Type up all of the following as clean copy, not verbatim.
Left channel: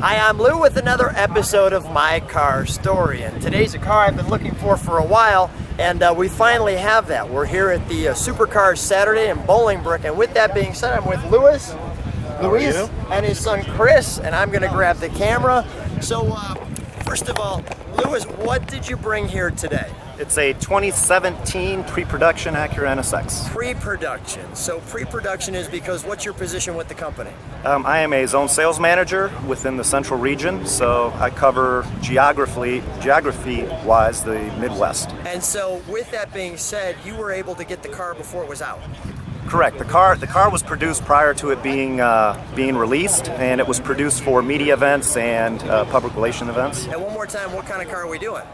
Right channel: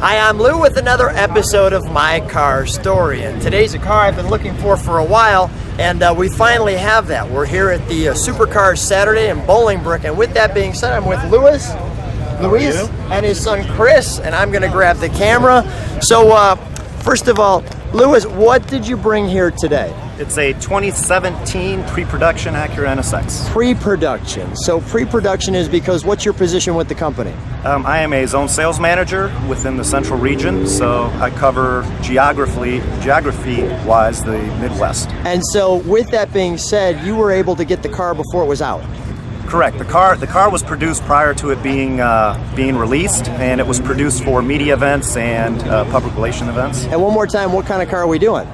Hi, I'm Lou with another episode of My Car Story, and today's a car I've been looking for a while, and we finally have that. We're here at the Supercar Saturday in Bolingbrook, and with that being said, I'm with Luis and his son Chris, and I'm going to grab the camera. So, first of all, Luis, what did you bring here today? It's a 2017 pre-production Acura NSX. Pre-production. So pre-production is because what's your position with the company? I am a zone sales manager within the central region, so I cover geography-wise the Midwest. And so with that being said, you were able to get the car before it was out. Correct. The car was produced prior to it being released, and it was produced for media events and public relation events. And one more time, what kind of car are we doing?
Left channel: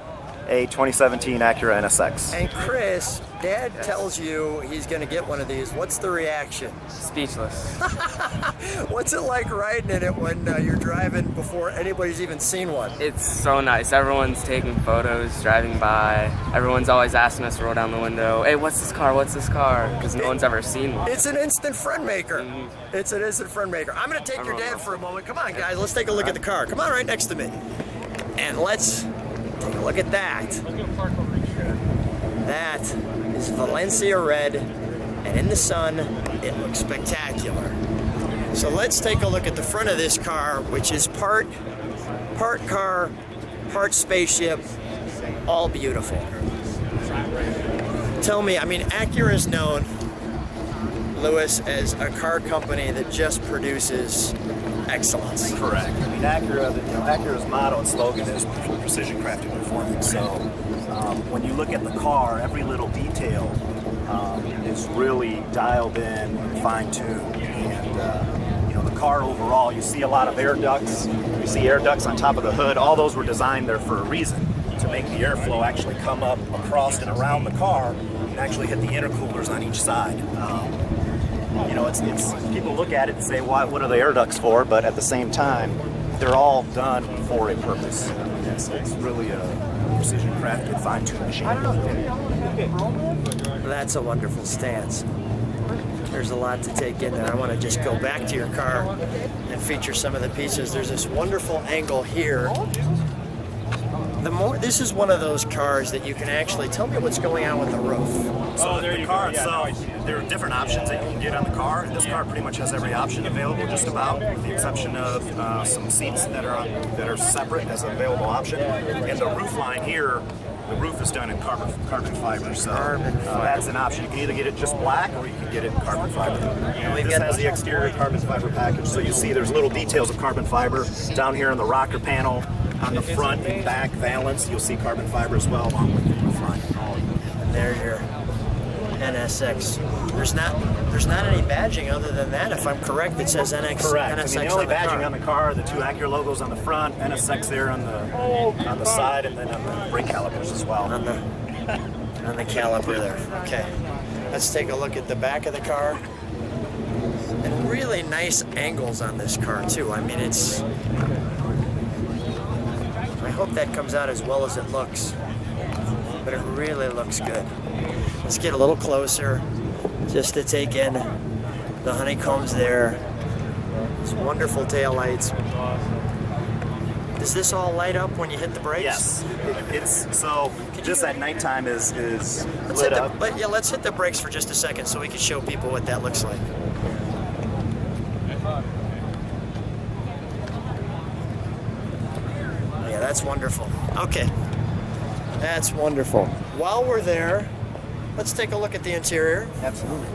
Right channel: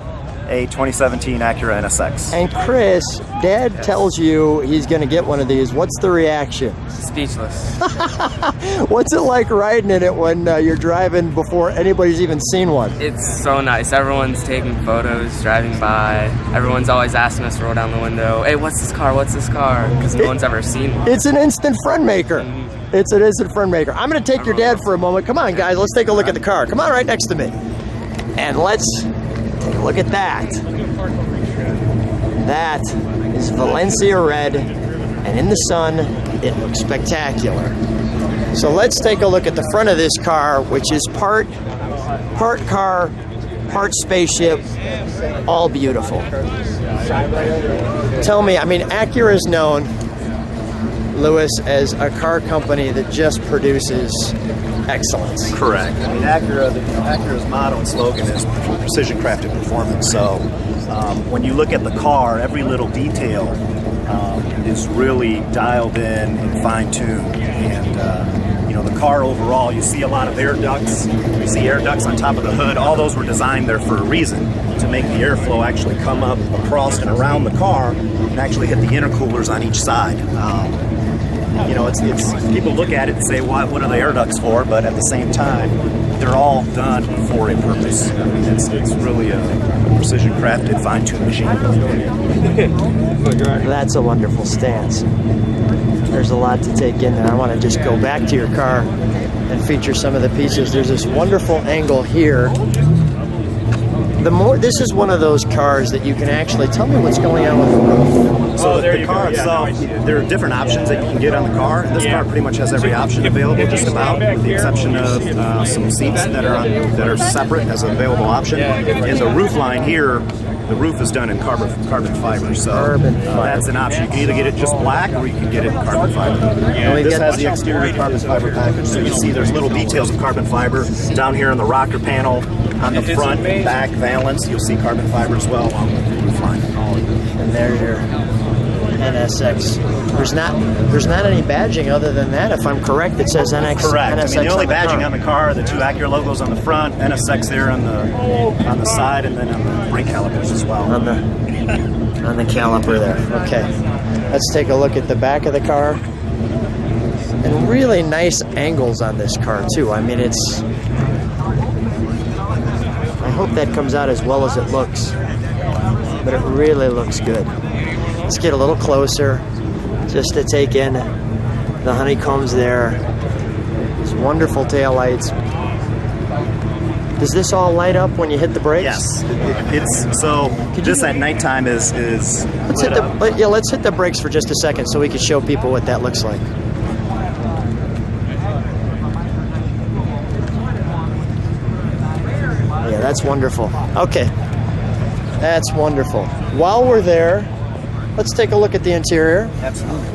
A 2017 Acura NSX. And Chris, Dad tells you he's going to get one of these. What's the reaction? Speechless. What's it like riding in it when you're driving before anybody's even seen one? It's so nice. Everyone's taking photos, driving by. Everyone's always asking us to roll down the window. Hey, what's this car? What's this car? Because no one's ever seen one. It's an instant friend maker. Mm-hmm. It's an instant friend maker. I'm going to take your dad for a moment. Come on, guys. Let's take a look at the car. Come on right next to me. And let's look at that. That is Valencia red, and in the sun, it looks spectacular. So let's take a look at the front of this car, which is part car, part spaceship, all beautiful. Tell me, I mean, Acura is known, Luis, as a car company that just produces excellence. Correct. Acura's motto and slogan is precision crafted performance. So when you look at the car, every little detail is really dialed in and fine-tuned. And the car overall, you see a lot of air ducts. You see air ducts on top of the hood. All those were designed there for a reason, to make the airflow actually come up across and around the car and actually hit the intercoolers on each side. It's people look at it and say, what are the air ducts for? But at the same time, they're all done for a purpose. It's really a precision crafted, fine-tuned machine. That's a wonderful stance. There's a lot to take in there. I want to just go back to your car and feature some of the pieces. There's this wonderful angle here. This is one of those cars that you can actually tell me what's going on. So the car itself, there are different options that you can get on the car. This car pretty much has every option available, just about, with the exception of some seats that are separate as an available option. And the roof line here, the roof is done in carbon fiber, so that's an option. You can either get it just black, or you can get it in carbon fiber. This has the exterior carbon fiber package, so you see there's little details of carbon fiber down here on the rocker panel. On the front and back valance, you'll see carbon fiber as well along with the roof line. And there's your NSX. There's not any badging other than that, if I'm correct. It says NSX. Correct. NSX, I mean, the only badging on the car are the two Acura logos on the front, NSX there on the side, and then on the brake calipers as well. On the caliper there. Okay. Let's take a look at the back of the car. And really nice angles on this car too. I mean, I hope that comes out as well as it looks, but it really looks good. Let's get a little closer just to take in the honeycombs there. These wonderful taillights. Does this all light up when you hit the brakes? Yes. This at nighttime is lit up. Let's hit the brakes for just a second so we can show people what that looks like. That's wonderful. Okay, that's wonderful. While we're there, let's take a look at the interior. Absolutely.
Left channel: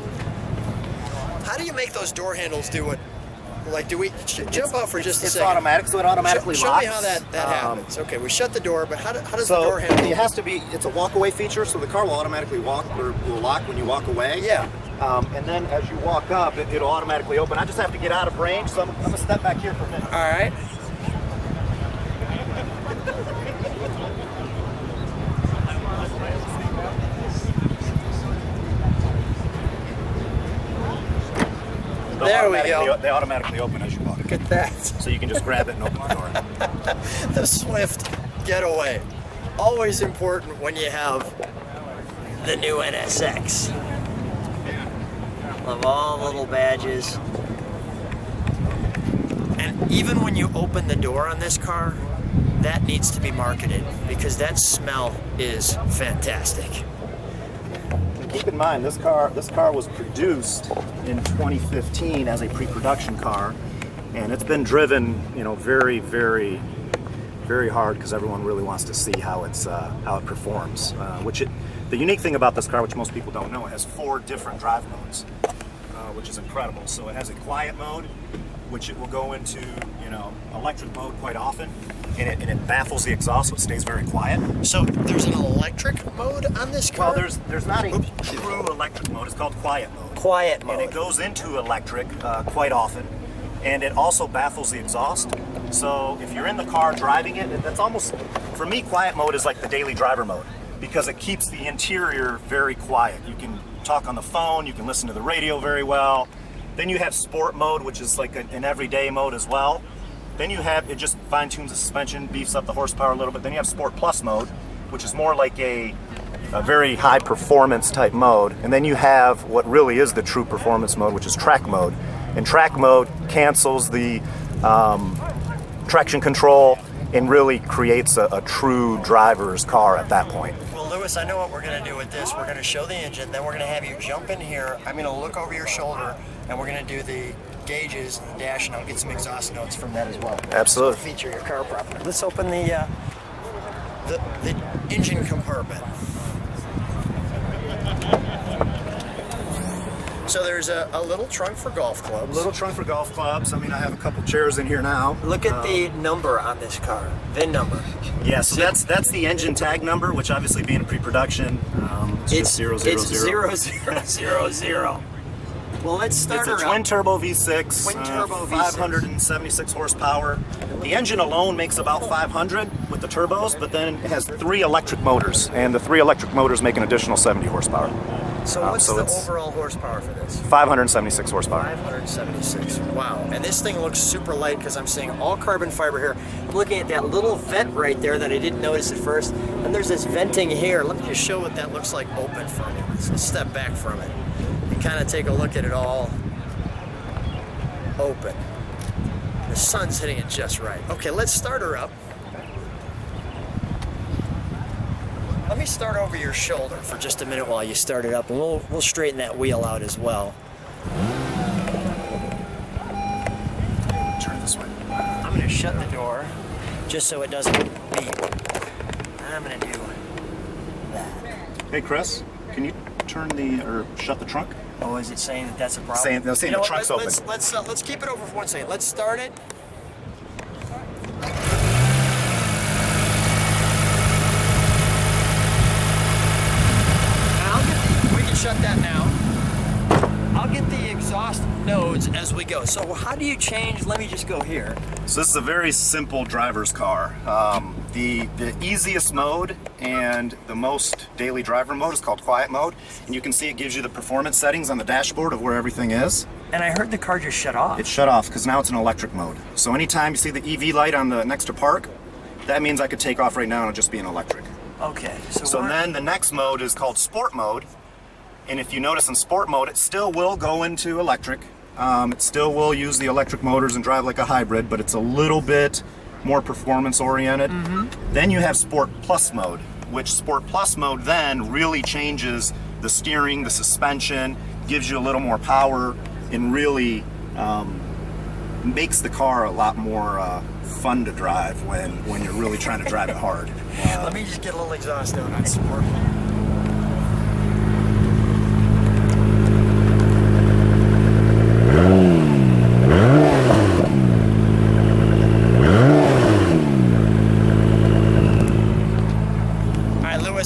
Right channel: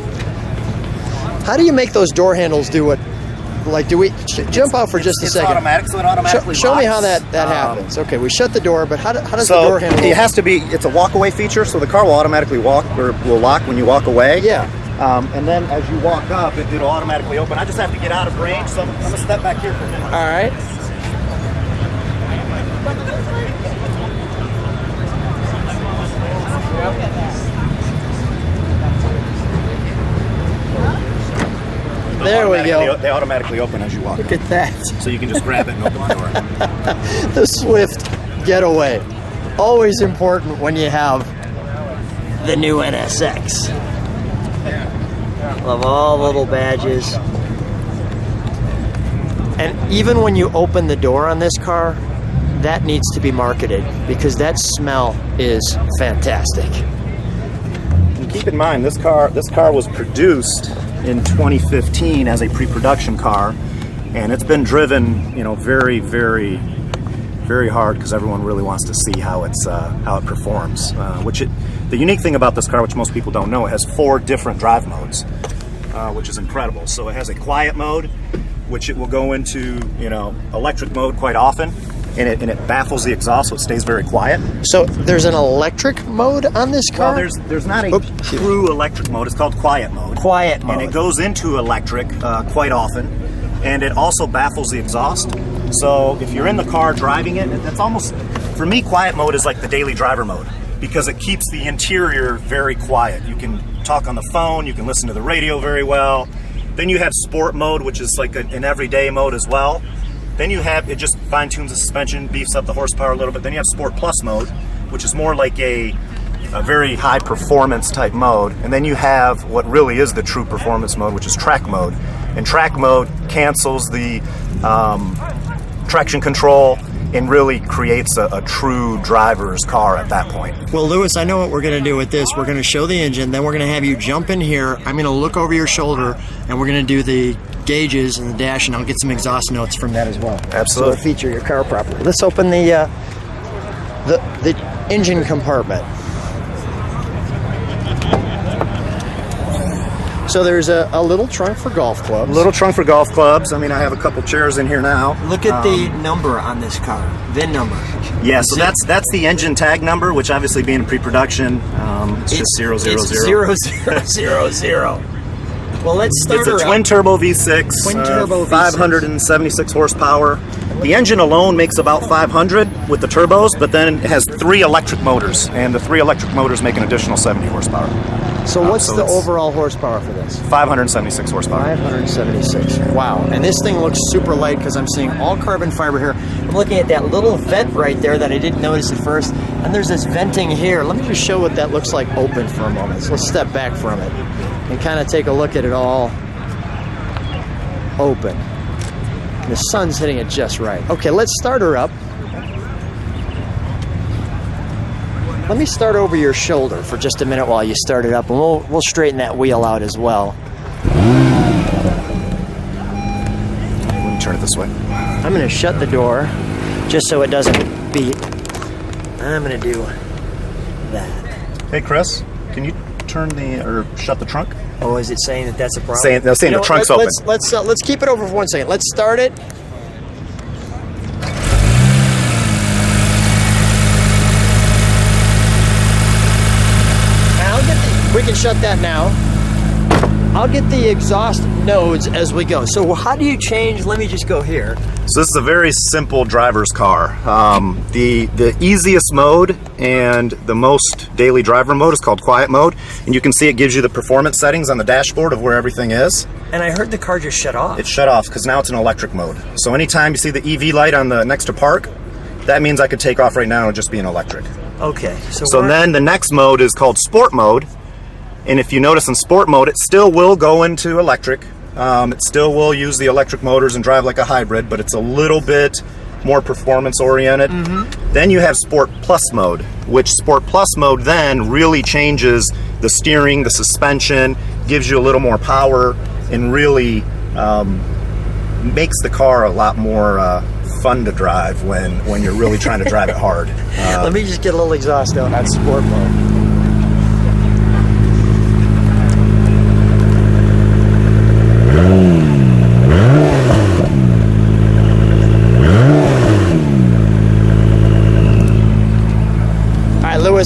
How do you make those door handles do it? Like, do we jump out for just a second? It's automatic, so it automatically locks. Show me how that happens. Okay, we shut the door, but how does the door handle? It has to be. It's a walk-away feature, so the car will automatically will lock when you walk away. Yeah. And then as you walk up, it'll automatically open. I just have to get out of range, so I'm gonna step back here for a minute. All right. They automatically open as you walk. Look at that. So you can just grab it and open the door. The swift getaway. Always important when you have the new NSX. Love all little badges. And even when you open the door on this car, that needs to be marketed because that smell is fantastic. And keep in mind, this car was produced in 2015 as a pre-production car, and it's been driven, you know, very, very, very hard because everyone really wants to see how it performs. The unique thing about this car, which most people don't know, it has 4 different drive modes, which is incredible. So it has a quiet mode, which it will go into, you know, electric mode quite often, and it baffles the exhaust, so it stays very quiet. So there's an electric mode on this car? Well, there's not a true electric mode. It's called quiet mode. Quiet mode. And it goes into electric quite often, and it also baffles the exhaust. So if you're in the car driving it, that's almost, for me, quiet mode is like the daily driver mode because it keeps the interior very quiet. You can talk on the phone, you can listen to the radio very well. Then you have sport mode, which is like an everyday mode as well. Then you have, it just fine tunes the suspension, beefs up the horsepower a little bit. Then you have Sport Plus mode, which is more like a very high performance type mode. And then you have what really is the true performance mode, which is track mode. And track mode cancels the traction control and really creates a true driver's car at that point. Well, Lewis, I know what we're going to do with this. We're going to show the engine, then we're going to have you jump in here. I'm going to look over your shoulder, and we're going to do the gauges and the dash, and I'll get some exhaust notes from that as well. Absolutely. So feature your car properly. Let's open the engine compartment. So there's a little trunk for golf clubs. Little trunk for golf clubs. I mean, I have a couple chairs in here now. Look at the number on this car, VIN number. Yeah, so that's the engine tag number, which obviously being pre-production, it's just 000. It's 0000. Well, let's start. It's a twin turbo V6, Twin turbo V6. 576 horsepower. The engine alone makes about 500 with the turbos, but then it has 3 electric motors, and the 3 electric motors make an additional 70 horsepower. So what's the overall horsepower for this? 576 horsepower. 576. Wow. And this thing looks super light because I'm seeing all carbon fiber here. I'm looking at that little vent right there that I didn't notice at first. And there's this venting here. Let me just show what that looks like open for a moment. So let's step back from it and kind of take a look at it all open. The sun's hitting it just right. Okay, let's start her up. Let me start over your shoulder for just a minute while you start it up, and we'll straighten that wheel out as well. Let me turn it this way. I'm going to shut the door just so it doesn't beep. I'm going to do that. Hey, Chris, can you shut the trunk? Oh, is it saying that that's a problem? Saying the trunk's open. Let's keep it over for 1 second. Let's start it. We can shut that now. I'll get the exhaust nodes as we go. So how do you change? Let me just go here. So this is a very simple driver's car. The easiest mode and the most daily driver mode is called quiet mode. And you can see it gives you the performance settings on the dashboard of where everything is. And I heard the car just shut off. It's shut off because now it's in electric mode. So anytime you see the EV light on the next to park, that means I could take off right now and just be in electric. Okay. So then the next mode is called sport mode. And if you notice in sport mode, it still will go into electric. It still will use the electric motors and drive like a hybrid, but it's a little bit more performance oriented. Mm-hmm. Then you have Sport Plus mode, which Sport Plus mode then really changes the steering, the suspension, gives you a little more power, and really makes the car a lot more fun to drive when you're really trying to drive it hard. Let me just get a little exhaust out on sport mode.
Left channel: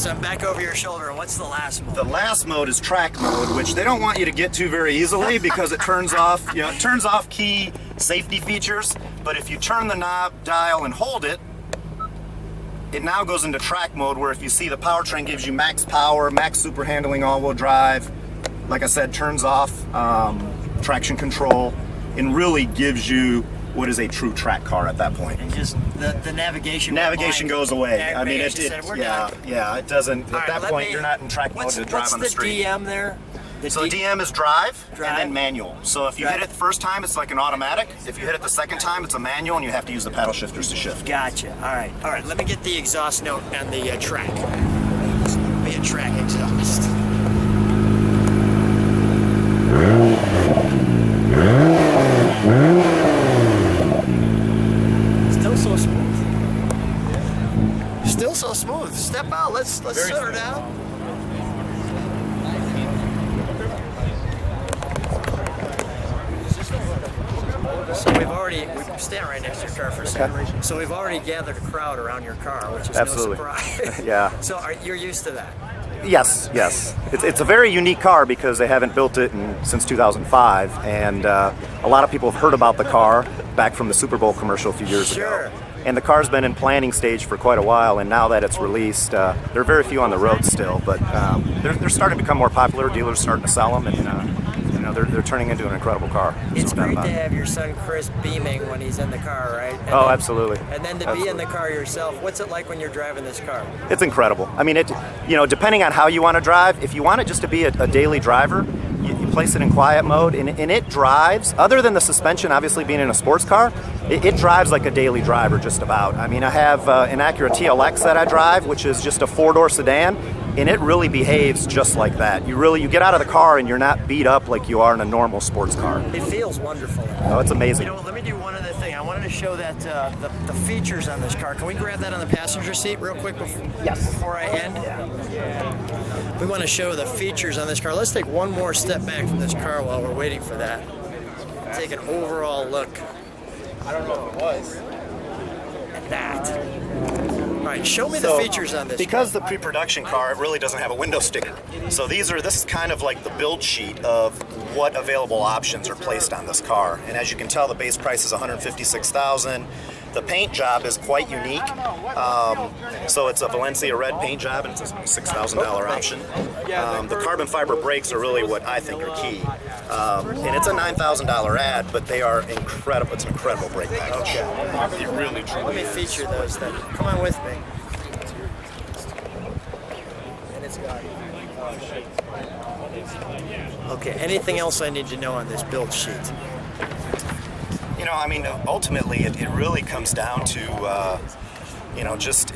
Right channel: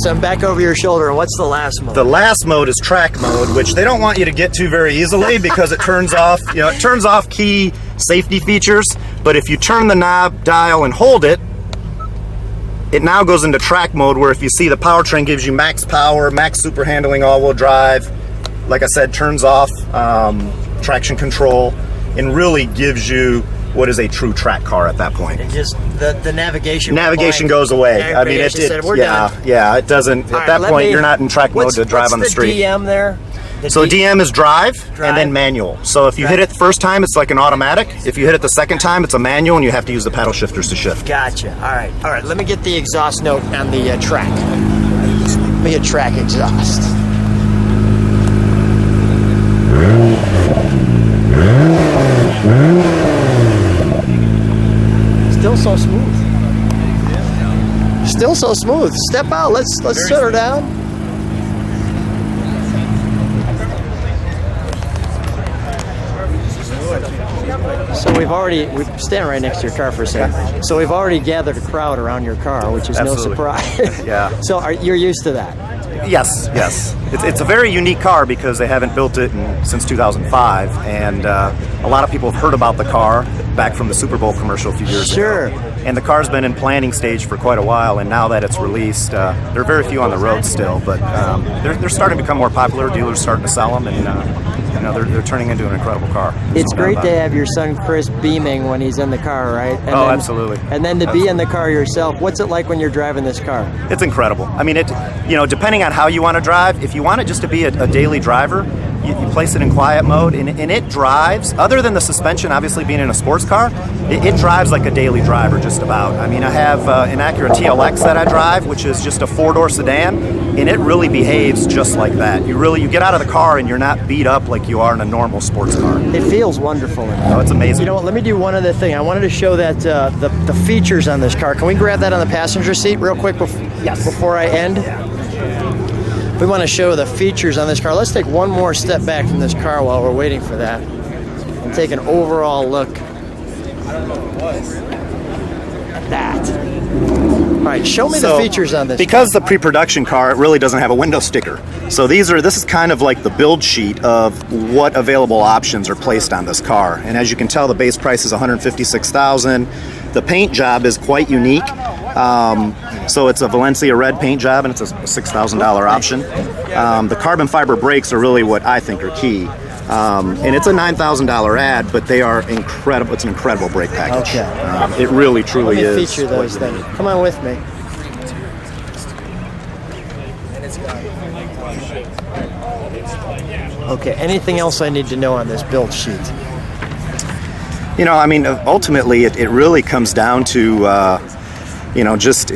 I'm back over your shoulder. And what's the last mode? The last mode is track mode, which they don't want you to get to very easily because it turns off, it turns off key safety features. But if you turn the knob, dial, and hold it, it now goes into track mode, where if you see the powertrain gives you max power, max super handling, all-wheel drive. Like I said, turns off traction control and really gives you what is a true track car at that point. It just the navigation goes away. I mean, it it doesn't. At that point, you're not in track mode to drive on the street. What's the DM there? So DM is drive and then manual. So if you hit it the first time, it's like an automatic. If you hit it the second time, it's a manual, and you have to use the paddle shifters to shift. Gotcha. All right. Let me get the exhaust note on the track. Let me get track exhaust. Still so smooth. Still so smooth. Step out. Let's sit her down. So we're standing right next to your car for a second. So we've already gathered a crowd around your car, which is Absolutely. no surprise. Yeah. So you're used to that? Yes. It's a very unique car because they haven't built it since 2005, and a lot of people have heard about the car back from the Super Bowl commercial a few years ago. And the car's been in planning stage for quite a while, and now that it's released, there are very few on the road still, but they're starting to become more popular. Dealers starting to sell them, and they're turning into an incredible car. It's great to have your son Chris beaming when he's in the car, right? And then, absolutely. And then to be in the car yourself, what's it like when you're driving this car? It's incredible. I mean, depending on how you want to drive, if you want it just to be a daily driver, you place it in quiet mode, and it drives, other than the suspension obviously being in a sports car, it drives like a daily driver just about. I mean, I have an Acura TLX that I drive, which is just a 4-door sedan, and it really behaves just like that. You get out of the car and you're not beat up like you are in a normal sports car. It feels wonderful. Oh, it's amazing. You know what, let me do one other thing. I wanted to show that the features on this car. Can we grab that on the passenger seat real quick before I end? We want to show the features on this car. Let's take one more step back from this car while we're waiting for that and take an overall look. I don't know if it was. That. All right, show me the features on this. Because the pre-production car, it really doesn't have a window sticker. So this is kind of like the build sheet of what available options are placed on this car. And as you can tell, the base price is $156,000. The paint job is quite unique. So it's a Valencia red paint job, and it's a $6,000 option. The carbon fiber brakes are really what I think are key. And it's a $9,000 ad, but they are incredible. It's an incredible brake package. Okay. It really, truly is. Feature those things. Come on with me. Okay, anything else I need to know on this build sheet? I mean, ultimately, it really comes down to, just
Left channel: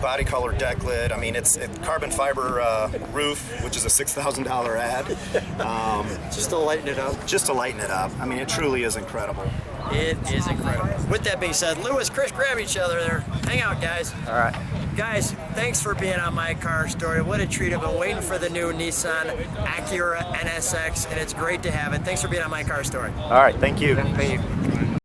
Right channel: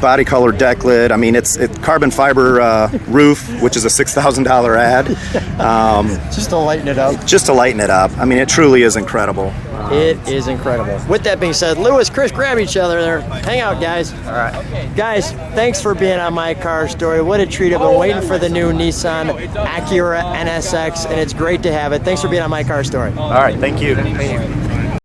body color deck lid. I mean, it's carbon fiber roof, which is a $6,000 ad. Just to lighten it up. Just to lighten it up. I mean, it truly is incredible. It is incredible. With that being said, Lewis, Chris, grab each other there. Hang out, guys. All right. Guys, thanks for being on My Car Story. What a treat. I've been waiting for the new Nissan Acura NSX, and it's great to have it. Thanks for being on My Car Story. All right. Thank you. Thank you.